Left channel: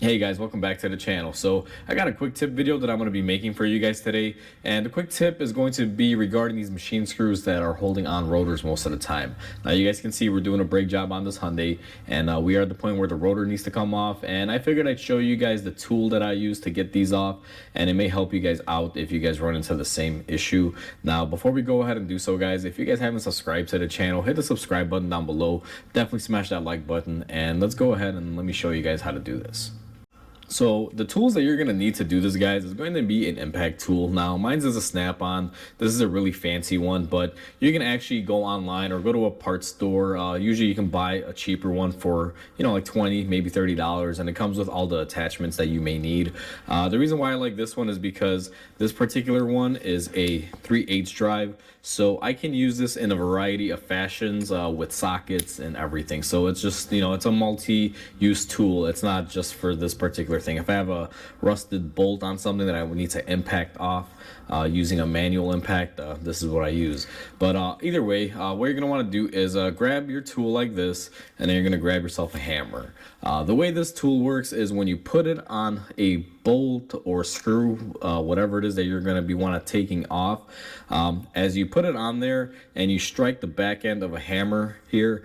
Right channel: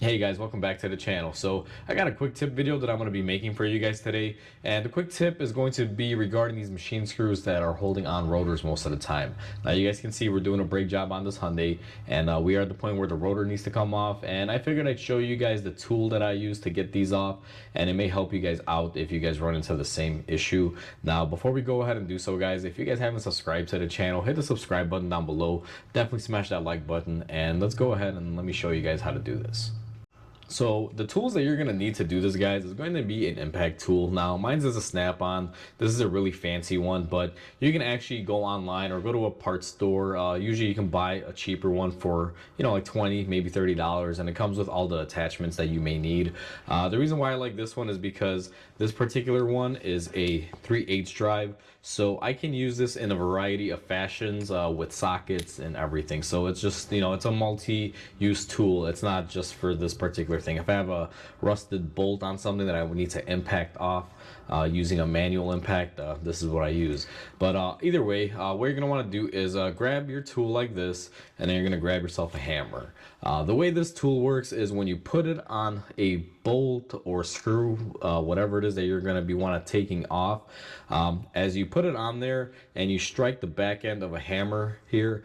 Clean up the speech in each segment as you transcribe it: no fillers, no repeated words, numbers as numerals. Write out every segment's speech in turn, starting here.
Hey guys, welcome back to the channel. So I got a quick tip video that I'm going to be making for you guys today, and the quick tip is going to be regarding these machine screws that are holding on rotors most of the time. Now you guys can see we're doing a brake job on this Hyundai, and we are at the point where the rotor needs to come off, and I figured I'd show you guys the tool that I use to get these off, and it may help you guys out if you guys run into the same issue. Now before we go ahead and do so, guys, if you guys haven't subscribed to the channel, hit the subscribe button down below, definitely smash that like button, and let's go ahead and let me show you guys how to do this. So the tools that you're going to need to do this, guys, is going to be an impact tool. Now mine's is a snap-on. This is a really fancy one, but you can actually go online or go to a parts store. Usually you can buy a cheaper one for, like 20, maybe $30, and it comes with all the attachments that you may need. The reason why I like this one is because this particular one is a 3/8 drive, so I can use this in a variety of fashions with sockets and everything. So it's just, it's a multi-use tool. It's not just for this particular thing. If I have a rusted bolt on something that I would need to impact off using a manual impact, this is what I use. But either way, what you're going to want to do is grab your tool like this, and then you're going to grab yourself a hammer. The way this tool works is when you put it on a bolt or screw, whatever it is that you're going to be taking off, as you put it on there and you strike the back end of a hammer here,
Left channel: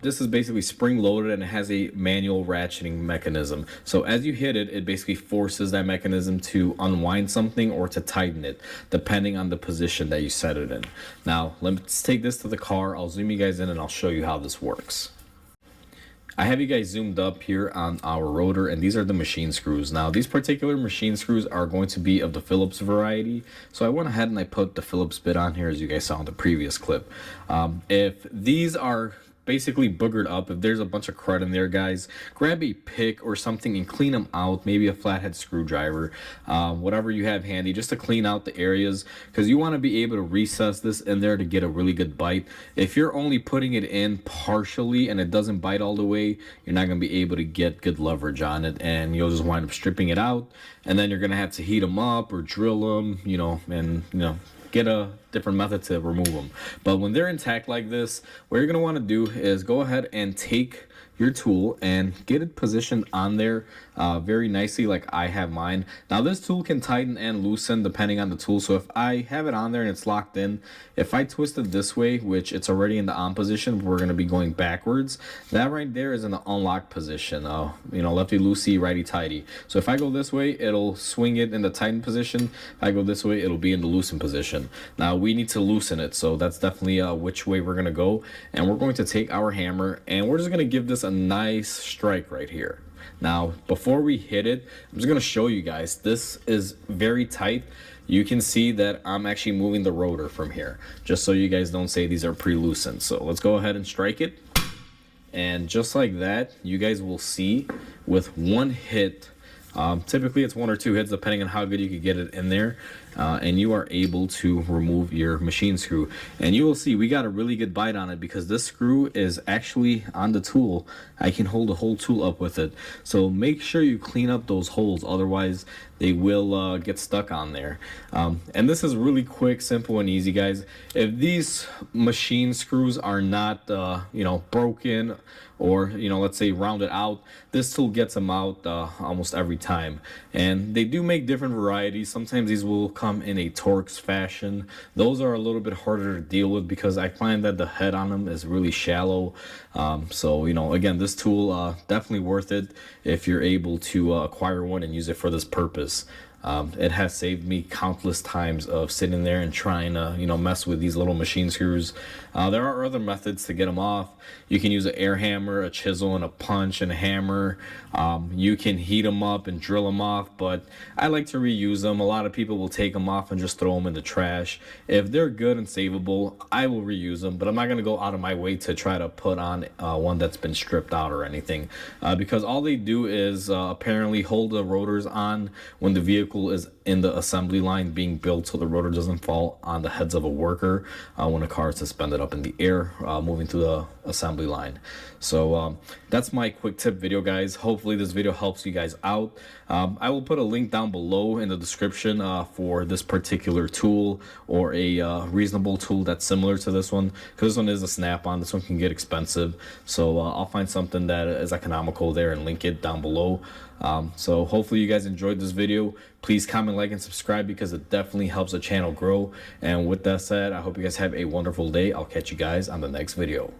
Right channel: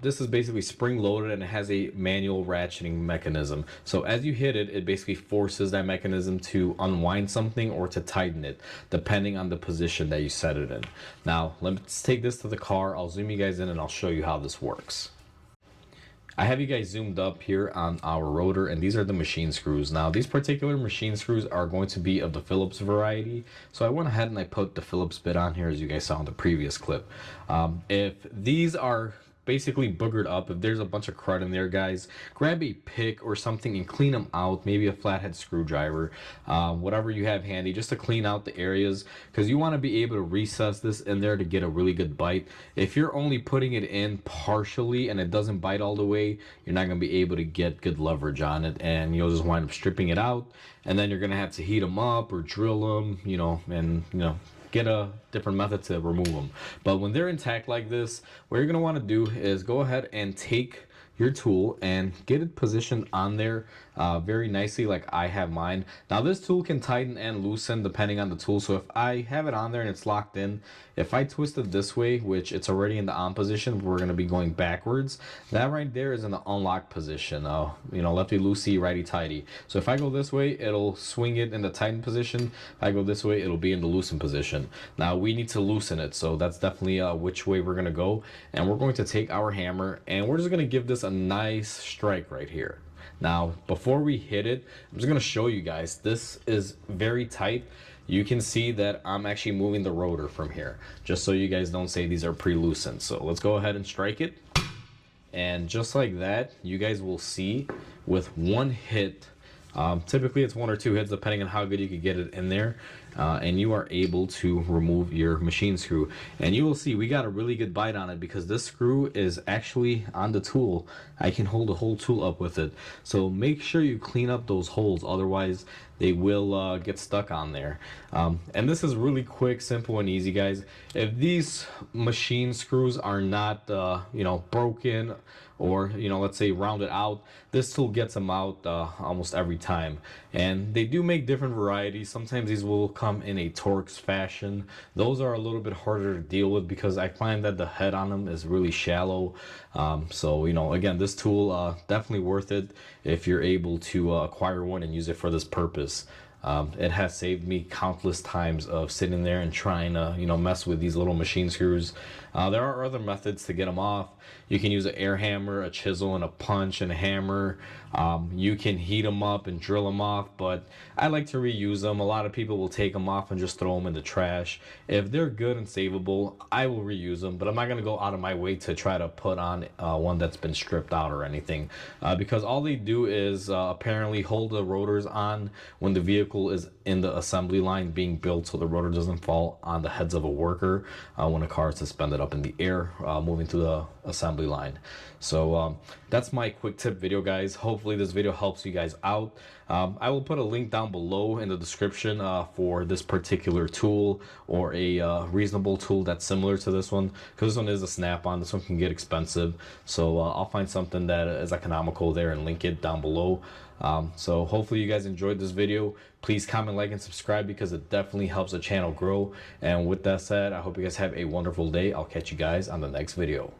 this is basically spring loaded and it has a manual ratcheting mechanism. So as you hit it, it basically forces that mechanism to unwind something or to tighten it, depending on the position that you set it in. Now let's take this to the car. I'll zoom you guys in and I'll show you how this works. I have you guys zoomed up here on our rotor, and these are the machine screws. Now these particular machine screws are going to be of the Phillips variety, so I went ahead and I put the Phillips bit on here, as you guys saw in the previous clip. If these are basically boogered up, if there's a bunch of crud in there, guys, grab a pick or something and clean them out. Maybe a flathead screwdriver, whatever you have handy, just to clean out the areas, because you want to be able to recess this in there to get a really good bite. If you're only putting it in partially and it doesn't bite all the way, you're not going to be able to get good leverage on it, and you'll just wind up stripping it out, and then you're going to have to heat them up or drill them, and get a different method to remove them. But when they're intact like this, what you're going to want to do is go ahead and take your tool and get it positioned on there very nicely, like I have mine. Now this tool can tighten and loosen depending on the tool, so if I have it on there and it's locked in, if I twist it this way, which it's already in the on position, we're going to be going backwards, that right there is in the unlocked position. Lefty loosey, righty tighty. So if I go this way, it'll swing it in the tighten position. If I go this way, it'll be in the loosen position. Now we need to loosen it, so that's definitely which way we're going to go, and we're going to take our hammer and we're just going to give this a nice strike right here. Now before we hit it, I'm just going to show you guys, this is very tight. You can see that I'm actually moving the rotor from here, just so you guys don't say these are pre-loosened. So let's go ahead and strike it, and just like that, you guys will see with one hit, typically it's one or two hits depending on how good you can get it in there, and you are able to remove your machine screw. And you will see we got a really good bite on it because this screw is actually on the tool. I can hold the whole tool up with it, so make sure you clean up those holes, otherwise they will get stuck on there. And this is really quick, simple, and easy, guys. If these machine screws are not broken, or let's say rounded out, this tool gets them out almost every time. And they do make different varieties. Sometimes these will come in a Torx fashion. Those are a little bit harder to deal with because I find that the head on them is really shallow. So again, this tool definitely worth it if you're able to acquire one and use it for this purpose. It has saved me countless times of sitting there and trying to mess with these little machine screws. There are other methods to get them off. You can use an air hammer, a chisel, and a punch and a hammer. You can heat them up and drill them off, but I like to reuse them. A lot of people will take them off and just throw them in the trash. If they're good and savable, I will reuse them, but I'm not going to go out of my way to try to put on one that's been stripped out or anything, because all they do is apparently hold the rotors on when the vehicle is in the assembly line being built so the rotor doesn't fall on the heads of a worker when a car is suspended up in the air moving through the assembly line. So that's my quick tip video, guys. Hopefully this video helps you guys out. I will put a link down below in the description for this particular tool, or a reasonable tool that's similar to this one, because this one is a snap-on. This one can get expensive, so I'll find something that is economical there and link it down below. So hopefully you guys enjoyed this video. Please comment, like, and subscribe, because it definitely helps the channel grow. And with that said, I hope you guys have a wonderful day. I'll catch you guys on the next video.